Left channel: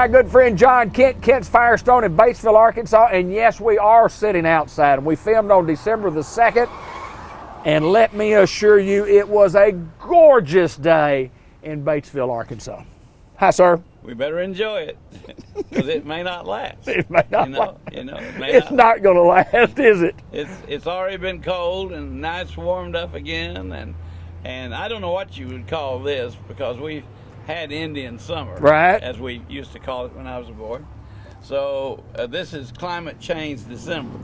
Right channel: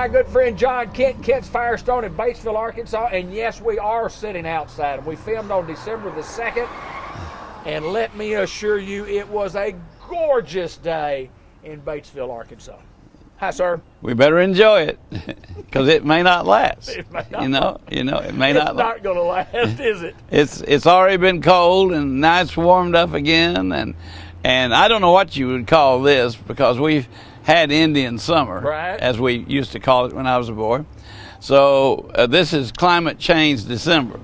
my good friend John Kent, Kent's Firestone in Batesville, Arkansas. And yes, we are sitting outside. And we filmed on December the 2nd. And let me assure you, it was a gorgeous day in Batesville, Arkansas. Hi, sir. We better enjoy it, because it may not last. It may not it may it's not. It's not going to last, is it? It's already been cold, and now it's warmed up again, and I don't know what you would call this, because we've had Indian summer, right, as we used to call it when I was a boy. So this is climate change December.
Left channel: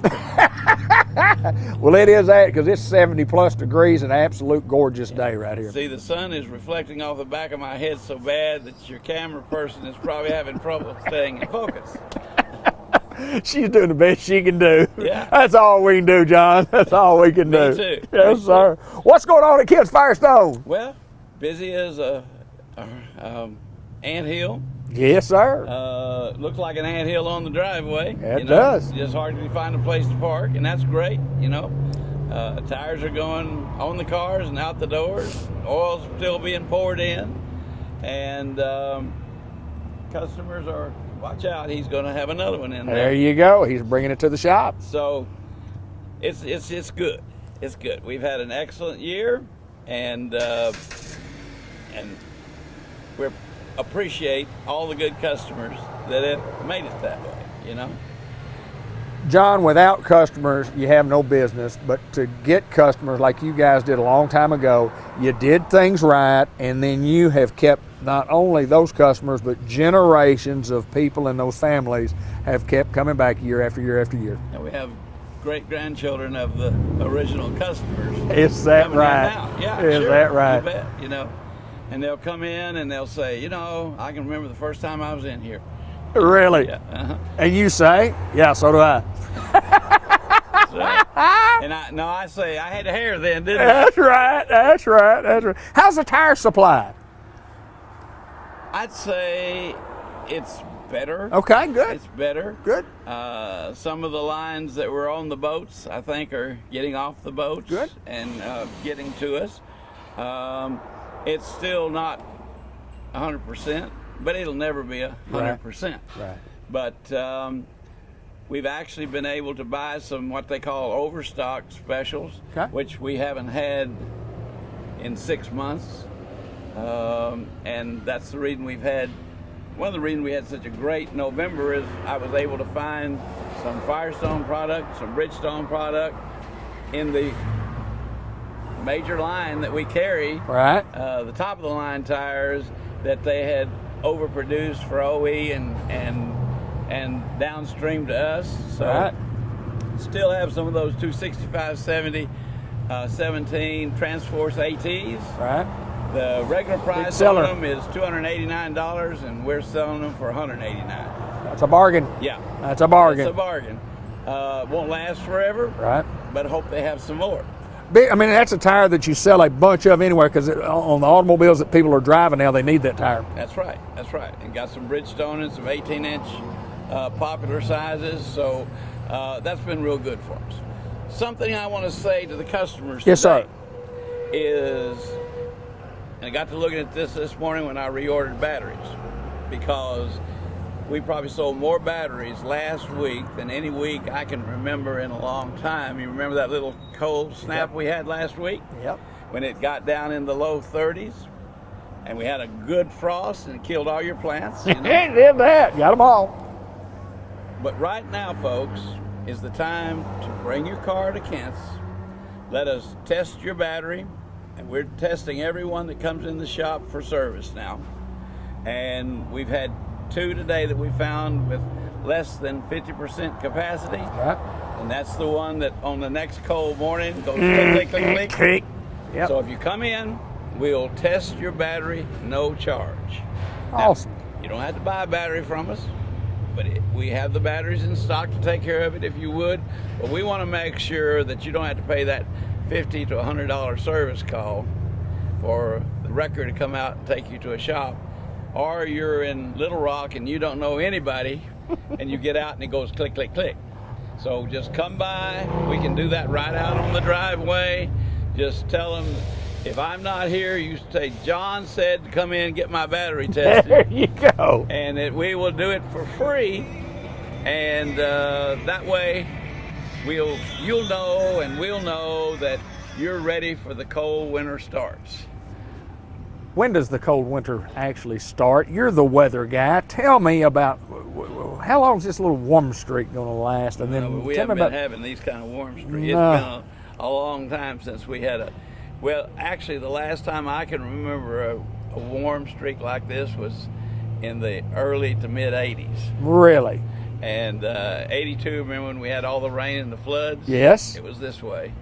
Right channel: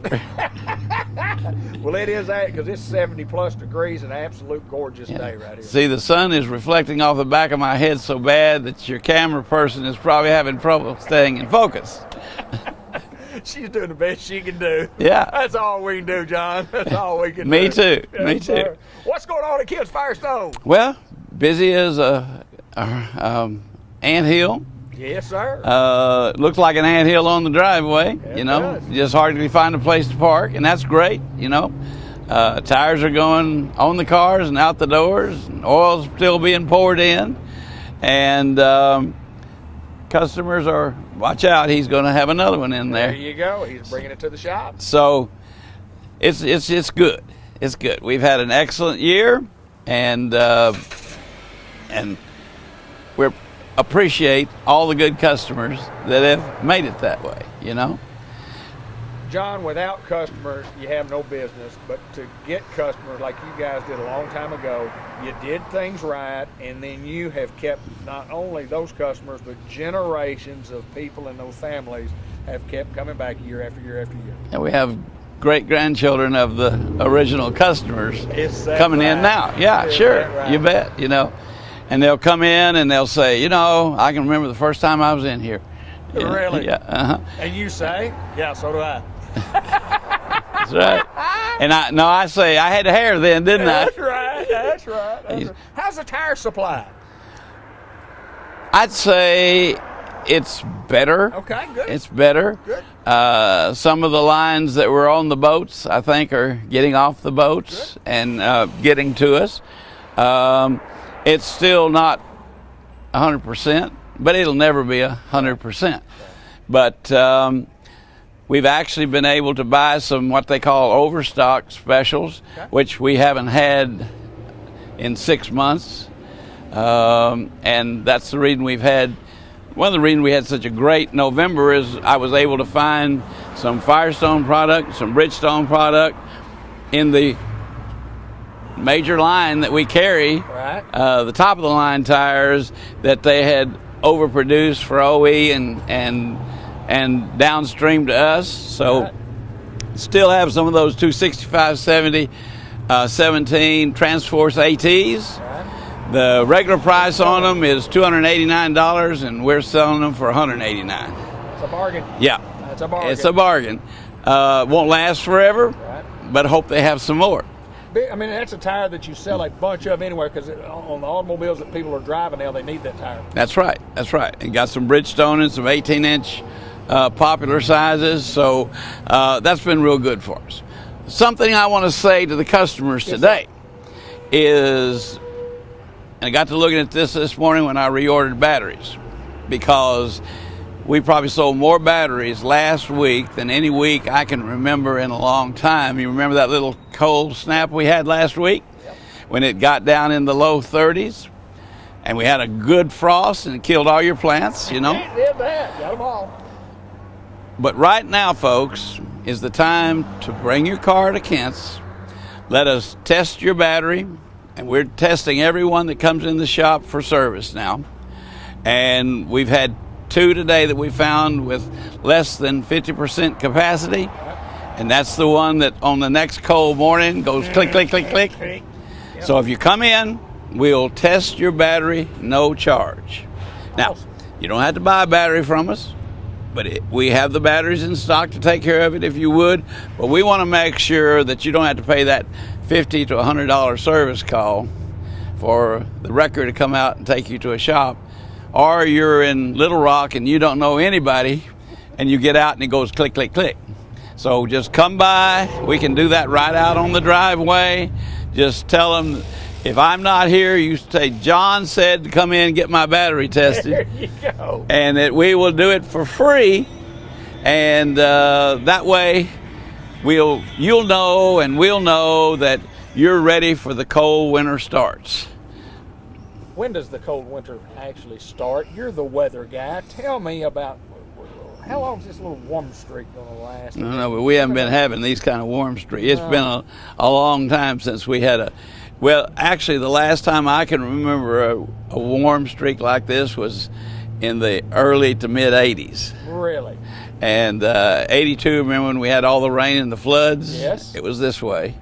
Well, it is that, because it's 70-plus degrees, an absolute gorgeous day right here. See, the sun is reflecting off the back of my head so bad that your camera person is probably having trouble staying in focus. She's doing the best she can do. Yeah. That's all we can do, John. That's all we can do. Me too. Yes, Me sir. too. What's going on at Kent's Firestone? Well, busy as a anthill. Yes, sir. Looks like an anthill on the driveway. It does. Just hardly find a place to park, and that's great. Tires are going on the cars and out the doors. Oil's still being poured in, and customers are. Watch out! He's going to have another one in there. There you go. He's bringing it to the shop. So, it's good. It's good. We've had an excellent year, and we appreciate all the good customers that have made it that way. John, without customers, you have no business. But to get customers like you guys did a long time ago, you did things right, and then you have kept not only those customers, but generations of people in those families have kept coming back year after year after year. And we have great-grandchildren of the original customers coming in now. Yeah, Is sure. that right? You bet, And they'll come in and they'll say, I can remember the first time I was in here. Really? Yeah. Uh-huh. And you say, yeah, so do I. That's right. And I say, I had hair then, didn't I? That's right. That's right. How's the tire supply? I'd say it's better. Okay, good. It's better. Good. Some of the lines that were on the boats, I think, are getting off the boats. Good. And getting to us. It's still not 100%, but it'll never be 100%. Right. But we've actually been able to buy some what they call overstock specials, which we haven't had in 6 months. And that's the reason one of the reasons we had such a great November is I was able to find some Firestone product, some Bridgestone product in the major line that we carry, right? The top of the line tires that they had overproduced for OE and downstream to us. So still have some of those 265 70 17 Transforce ATs. Right. The regular price on them is $289, and we're selling them for $189. That's a bargain. Yeah, that's a bargain. It's a bargain. Won't last forever, right? But hope they have some more. That's a tire that you sell a bunch of anywhere, because on the automobiles that people are driving now, they need that tire. That's right. And got some Bridgestone and some 18-inch popular sizes. So that's been real good for us. Something I want to say to the customers today is, and I got to looking at this morning when I reordered batteries, because we probably sold more batteries last week than any week I can remember in a long time. You remember that little cold snap we had last week? Yep. When it got down in the low 30s, and we had a good frost and it killed all your plants, It did that. Got them all. But right now, folks, is the time to bring your car to Kent's. Let us test your battery, and we're testing everyone that comes in the shop for service now. And we've had 2 today that we found with less than 50% capacity. Right. And that's the one that on the next cold morning goes click, click, click, click. Yep. So if you come in, we'll test your battery, no charge. Awesome. Now, you don't have to buy a battery from us, but we have the batteries in stock to take care of it if you would. But we want to make sure that you don't have to pay that $50 to $100 service call for the wrecker to come out and take you to a shop. Or you're in Little Rock and you don't know anybody, and you get out and it goes click, click, click. So just come by. We can do that right out on the driveway. Just tell them if I'm not here, you say, John said to come in and get my battery tested. There you go. And that we will do it for free. And that way, you'll know and we'll know that you're ready for the cold winter starts. When does the cold winter actually start? You're the weather guy. Tell me about how long is this little warm streak going to last? No, but we haven't been having these kind of warm streaks. It's been a long time since we had well, actually, the last time I can remember a warm streak like this was in the early to mid 80s. Really? And 82, remember when we had all the rain and the floods? Yes. It was this way.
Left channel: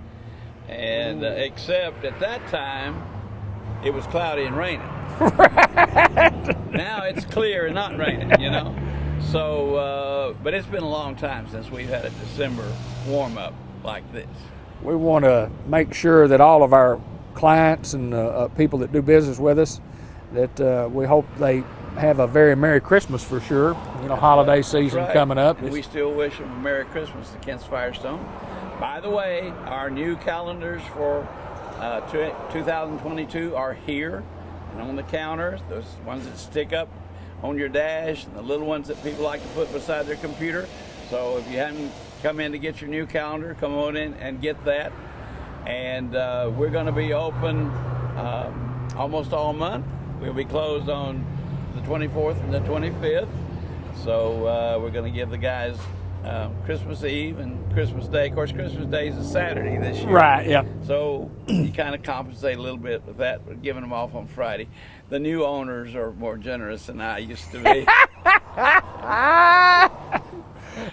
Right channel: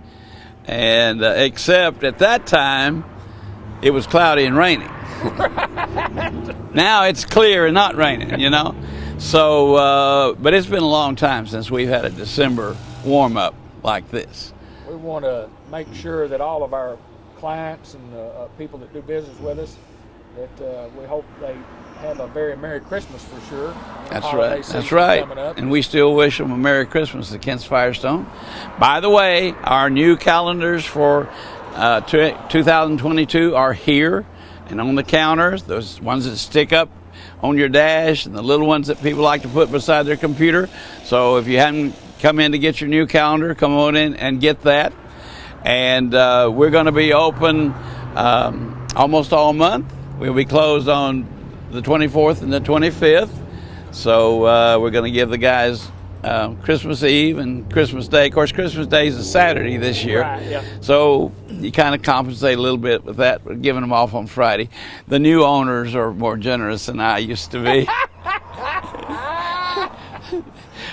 And except at that time, it was cloudy and raining. Now it's clear and not raining, you know? So, but it's been a long time since we've had a December warm-up like this. We want to make sure that all of our clients and people that do business with us, that we hope they have a very Merry Christmas for sure. Holiday season coming up. And we still wish them a Merry Christmas to Kent's Firestone. By the way, our new calendars for 2022 are here and on the counters, those ones that stick up on your dash and the little ones that people like to put beside their computer. So if you haven't come in to get your new calendar, come on in and get that. And we're going to be open almost all month. We'll be closed on the 24th and the 25th. So we're going to give the guys Christmas Eve and Christmas Day. Of course, Christmas Day is a Saturday this year. Right, yeah. So you kind of compensate a little bit with that, but giving them off on Friday. The new owners are more generous than I used to be.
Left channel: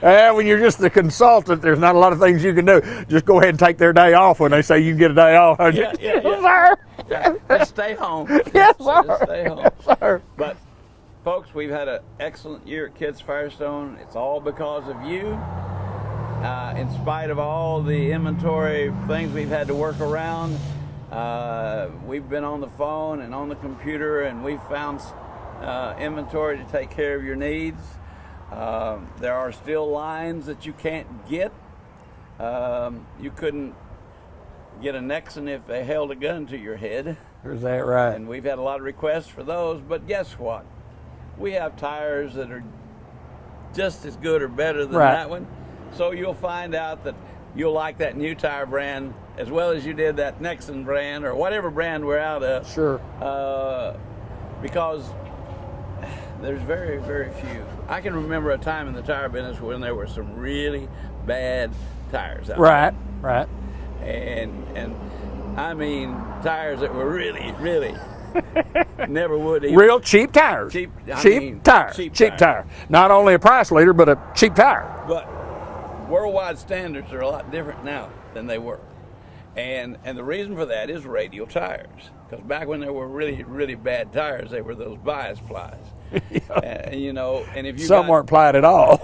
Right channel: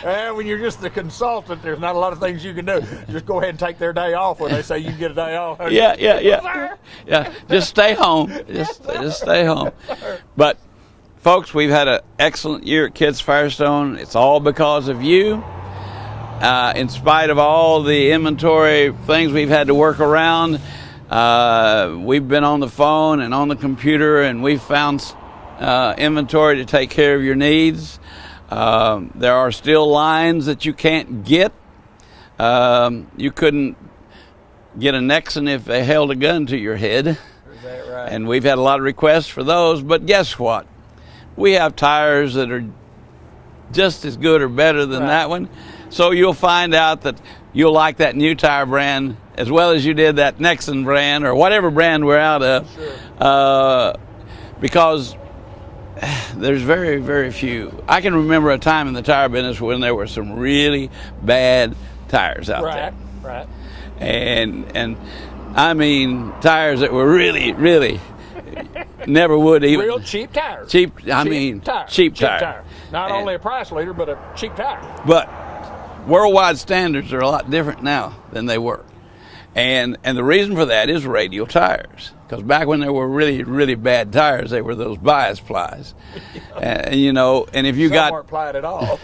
When you're just the consultant, there's not a lot of things you can do. Just go ahead and take their day off when they say you can get a day off. Yeah. Yes, Yeah, just stay home. Just stay home. Yes, but, folks, we've had an excellent year at Kent's Firestone. It's all because of you. In spite of all the inventory things we've had to work around, we've been on the phone and on the computer, and we've found inventory to take care of your needs. There are still lines that you can't get. You couldn't get a Nexon if they held a gun to your head. is that right? And we've had a lot of requests for those, but guess what? We have tires that are just as good or better than that one. So you'll find out that you'll like that new tire brand as well as you did that Nexon brand or whatever brand we're out of. Sure. Because there's very, very few. I can remember a time in the tire business when there were some really bad tires out there. Right. And I mean tires that were really, really never would even. Real cheap tires. Cheap tire. Not only a price leader, but a cheap tire. But worldwide standards are a lot different now than they were. And the reason for that is radial tires. Because back when there were really, really bad tires, they were those bias plies. And you know, and if you Some weren't plied at all.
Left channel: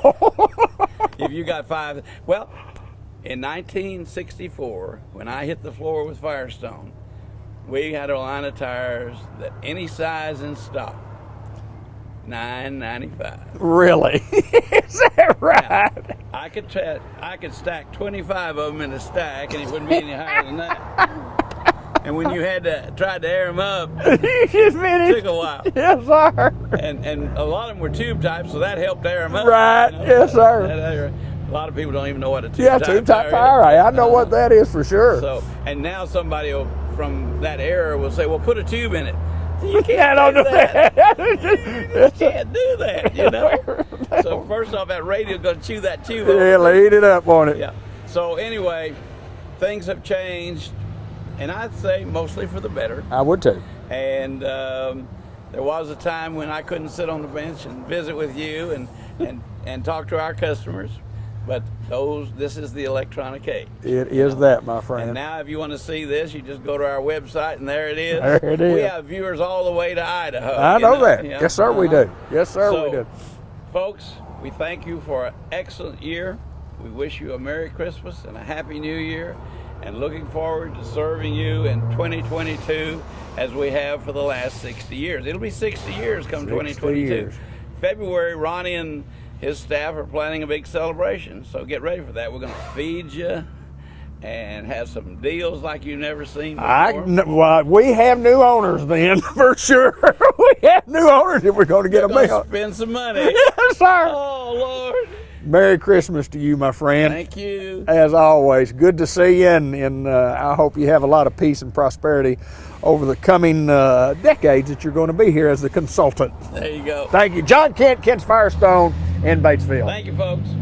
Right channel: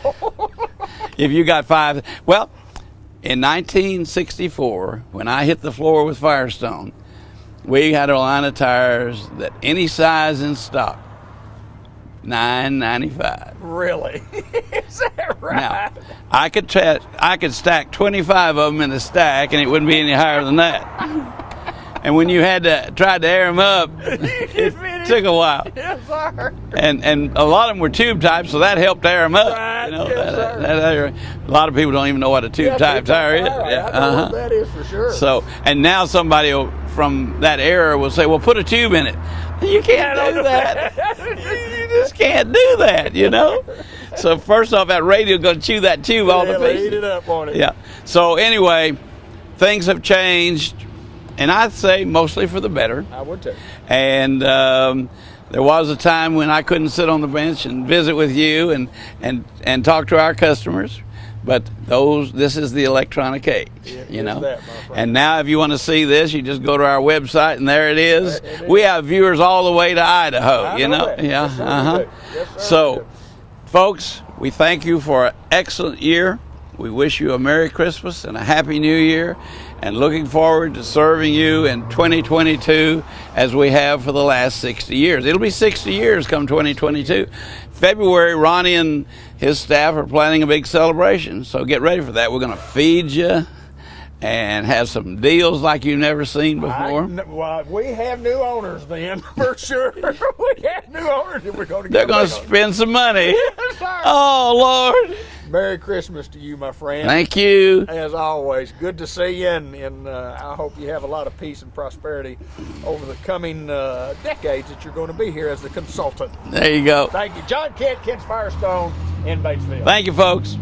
if you got five, well, in 1964, when I hit the floor with Firestone, we had a line of tires that any size in stock, $9.95. Really? Is that right? Now, I could stack 25 of them in a stack, and it wouldn't be any higher than that. And when you had to try to air them up, it took a while. Yes, sir. And a lot of them were tube type, so that helped air them up. Right. You know, Yes, sir. A lot of people don't even know what a tube type tire is. Right. I know what that is for sure. So, and now somebody from that era will say, "Well, put a tube in it." You can't do that. You just can't do that, you know. So first off, that radio going to chew that tube off. Yeah, eat it up on it. Yeah. So anyway, things have changed, and I'd say mostly for the better. I would too. And there was a time when I couldn't sit on the bench and visit with you and talk to our customers. But this is the electronic age. It is that, my friend. And now if you want to see this, you just go to our website, and there it is. There it is. We have viewers all the way to Idaho. I know that. Yeah. Yes, sir, we do. Yes, sir, So, we do. folks, we thank you for an excellent year. We wish you a Merry Christmas and a Happy New Year, and looking forward to serving you in 2022 as we have for the last 60 years. It'll be 60 years come 2022. February, Ronnie and his staff are planning a big celebration, so get ready for that. We're going to feed you and have some deals like you've never seen before. Well, we have new owners then, for sure. We have new owners if we're going to They're get going to spend some money. Yes, sir. Oh, Lord. Merry Christmas to you, my friend. Thank you. As always, good to see you, and I hope you have a lot of peace and prosperity over the coming decades that you're going to be here as the consultant. There you go. Thank you. John Kent, Kent's Firestone in Batesville. Thank you, folks.